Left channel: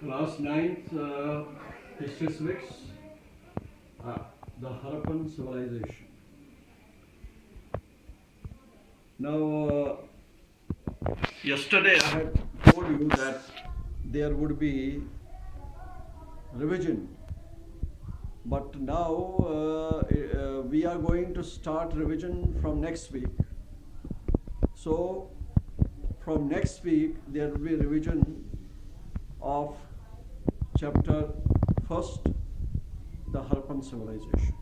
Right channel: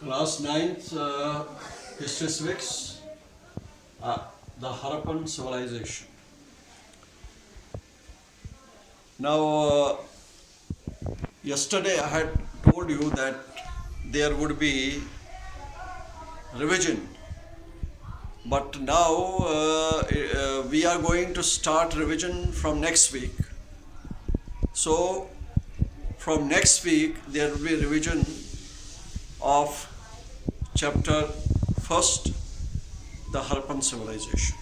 Class 9th History Civics, the Harappan Civilization. Now, yesterday I had told you that there would be revision, but now we are going to start revision from next week. So, from next week there will be revision of chapter first, the Harappan Civilization.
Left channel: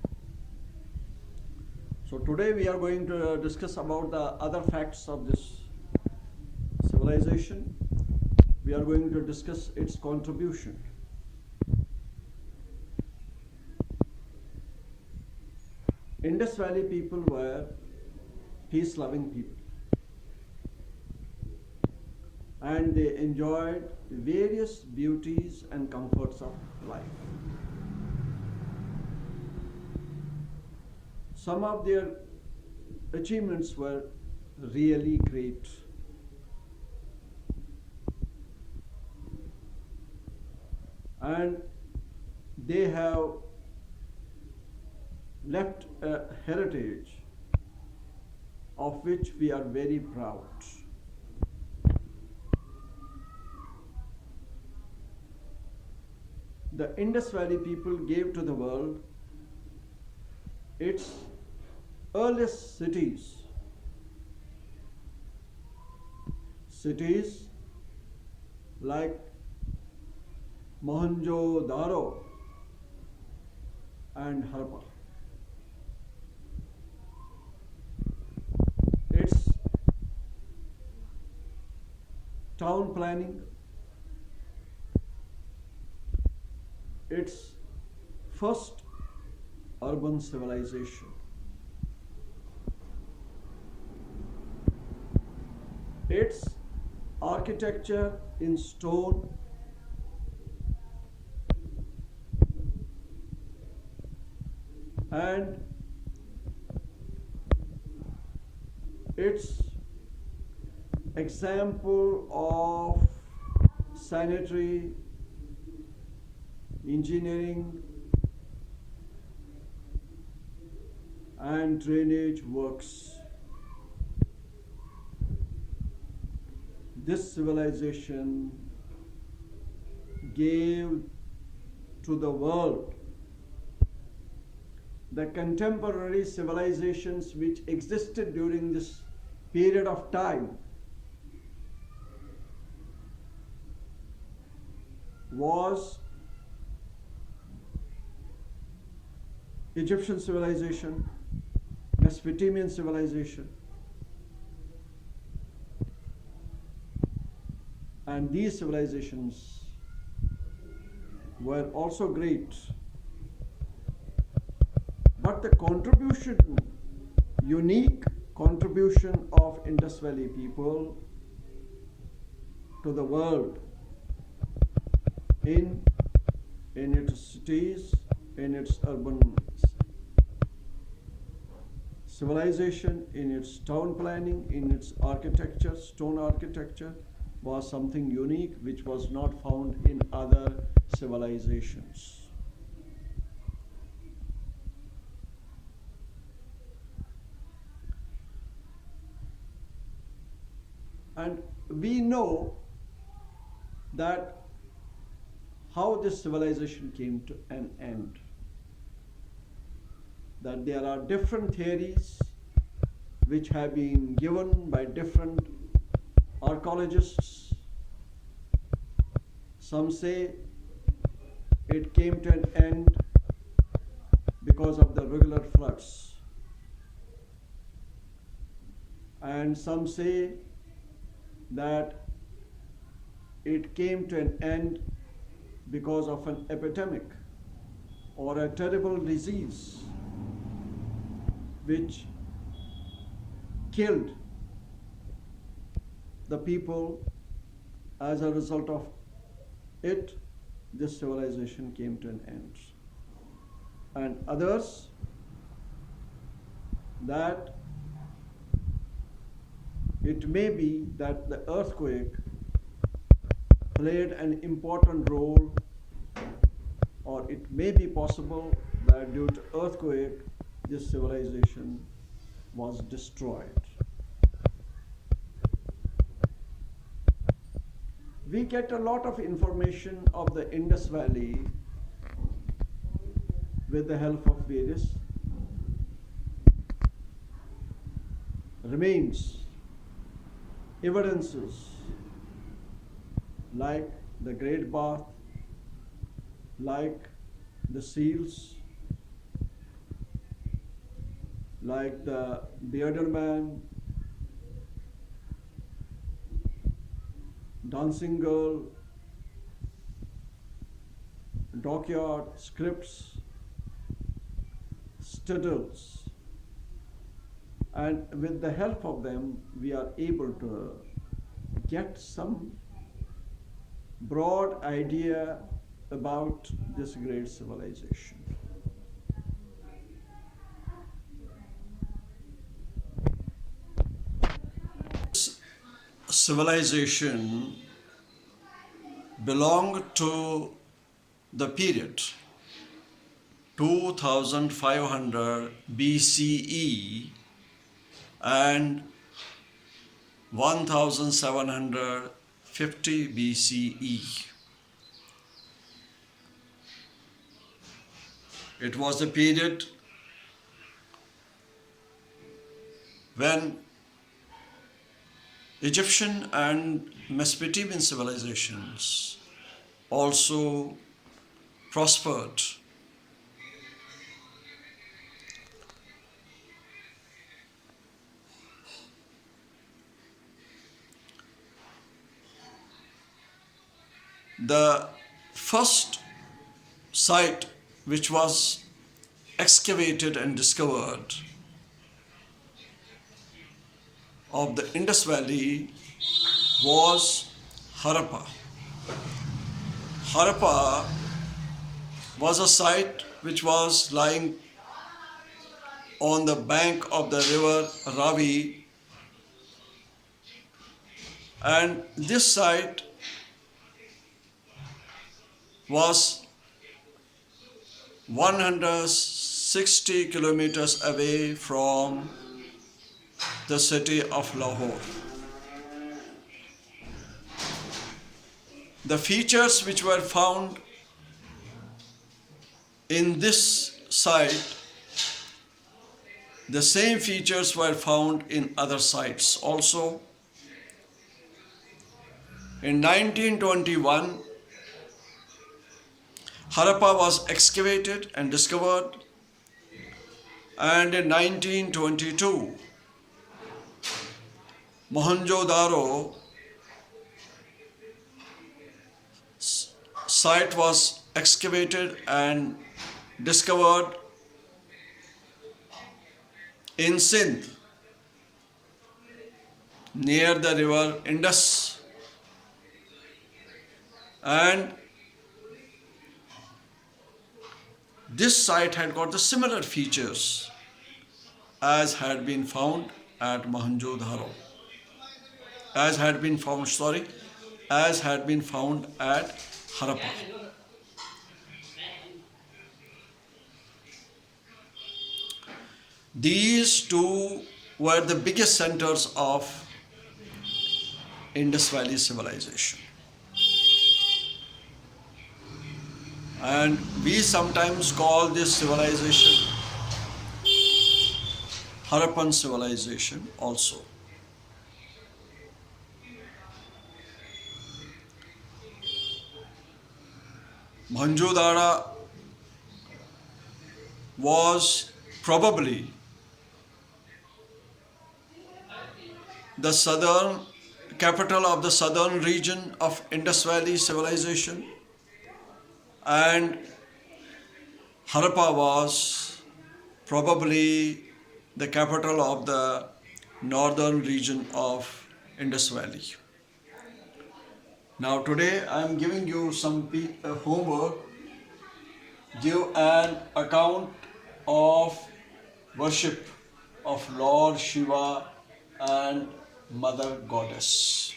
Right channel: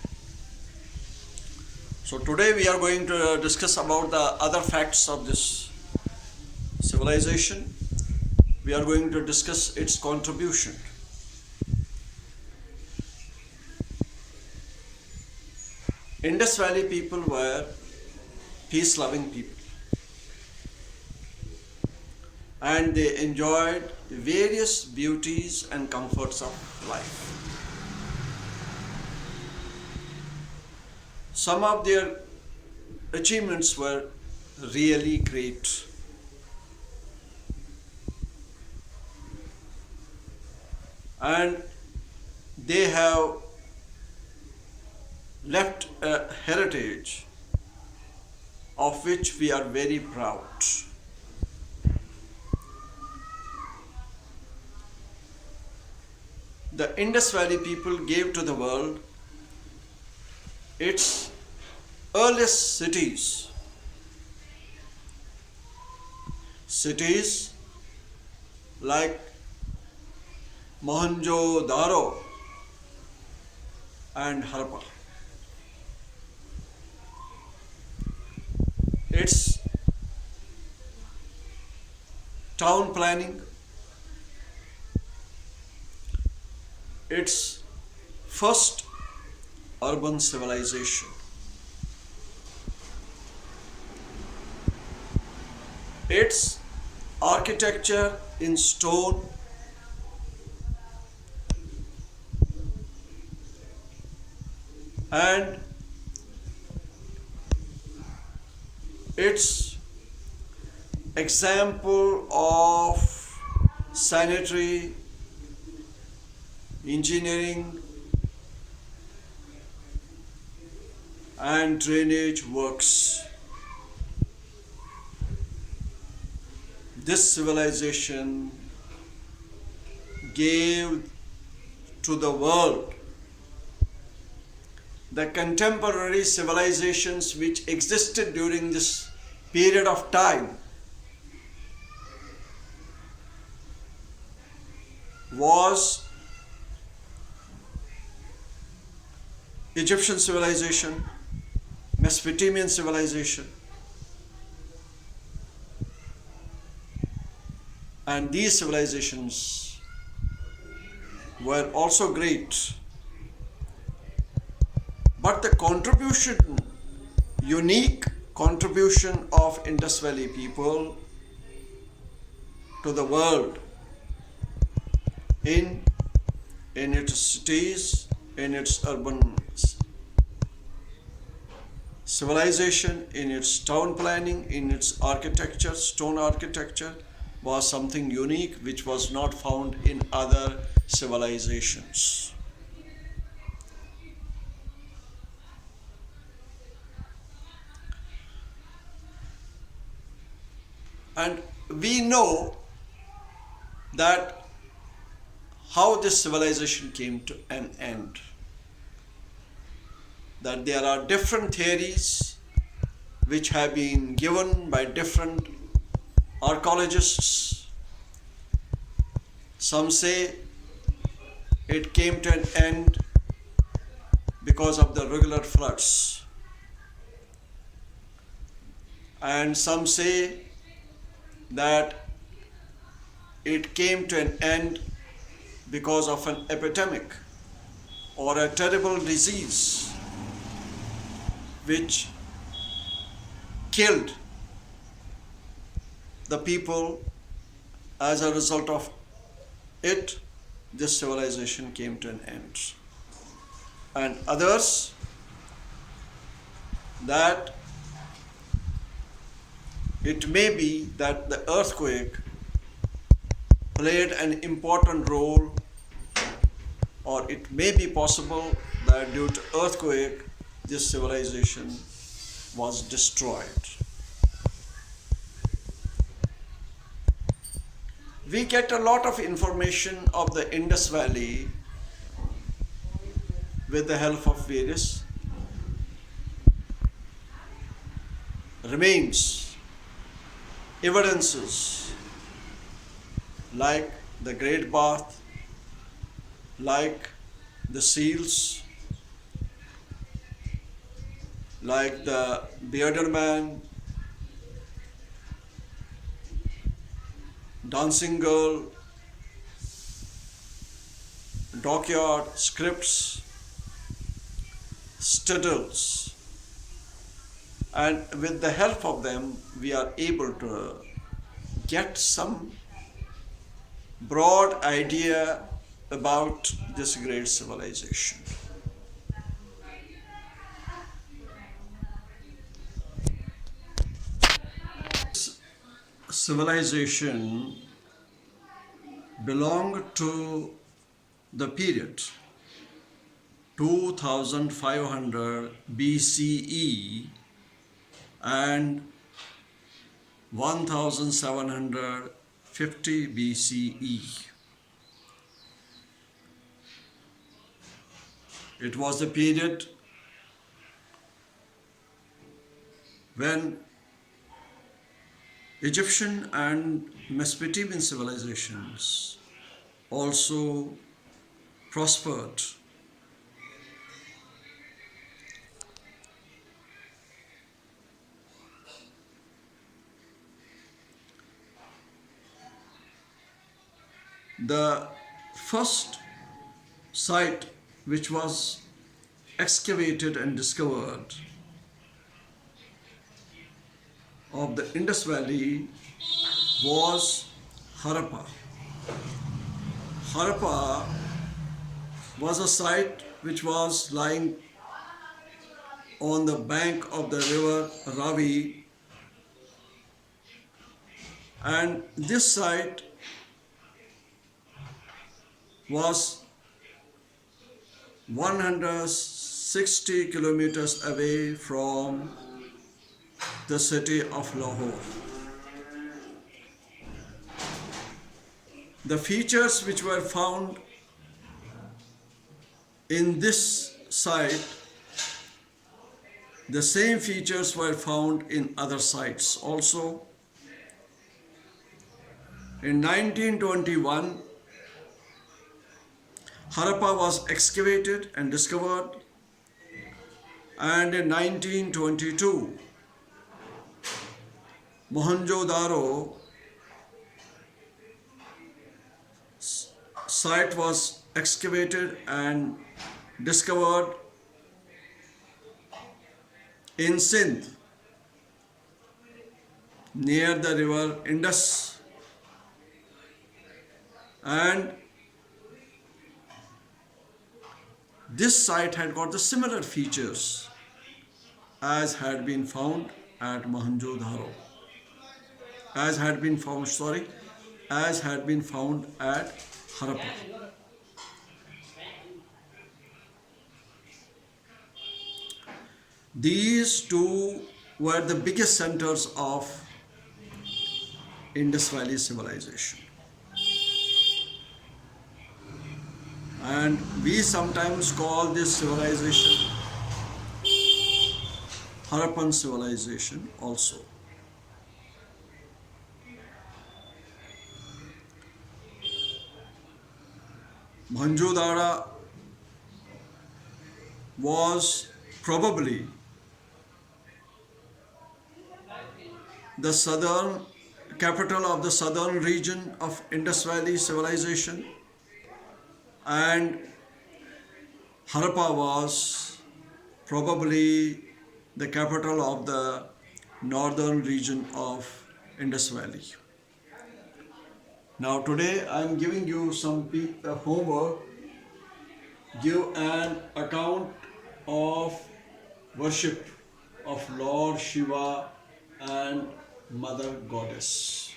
So today we are going to discuss about the other facts of this civilization. We are going to discuss its contribution. Indus Valley people were peace-loving people, and they enjoyed various beauties and comforts of life. Some of their achievements were really great. And they have left a heritage of which we are very proud. The Indus Valley people gave to the world its earliest cities. Cities like Mohenjo-daro and Harappa. Its town planning, its first urban civilization, its architecture in stone, and its example of sanitary engineering and drainage works. This civilization gave to the world the contemporary civilizations which existed during this period of time was Egyptian civilization, Mesopotamian civilization, and these civilizations were also great. But the contribution, unique contribution of Indus Valley people to the world in its cities, in its urban civilization, in its town planning, in its architecture, stone architecture, was something unique which was not found in other civilizations. And we know that how this civilization came to an end. That there are different theories which have been given by different archaeologists. Some say it came to an end because of the regular floods. And some say that it came to an end because of an epidemic or a terrible disease which killed the people. As a result of it, this civilization came to an end. And others that it may be that the earthquake played an important role, or it may be possible that due to earthquake, this civilization was destroyed. We get a lot of information of the Indus Valley with the help of various remains, evidences like the Great Bath, like the seals, like the bearded man, dancing girl, dockyard, scripts, studdles, and with the help of them we are able to get some broad idea about this great civilization. Civilization belonged to the period 2500 BCE and 1750 BCE. It was the period when Egyptian and Mesopotamian civilizations also prospered. The first site which was excavated and discovered of the Indus Valley was Harappa. Harappa was a site which was lying on the bank of the river Ravi, and this site was 160 kilometers away from the city of Lahore. The features which were found in this site, the same features were found in other sites also. In 1921, Harappa was excavated and discovered, and in 1922, Mohenjo-daro site was excavated and discovered in Sindh near the river Indus, and this site had got the similar features as had been found at Mohenjo-daro, as had been found at Harappa. These two were the biggest centers of Indus Valley civilization. And we sometimes call this civilization Harappan civilization also. Mohenjo-daro was probably the southern capital of the southern region of Indus Valley civilization, and Harappa was probably the capital of the northern region of Indus Valley. Now today I am giving you some homework. Give an account of worship of Lord Shiva and Mother Goddess.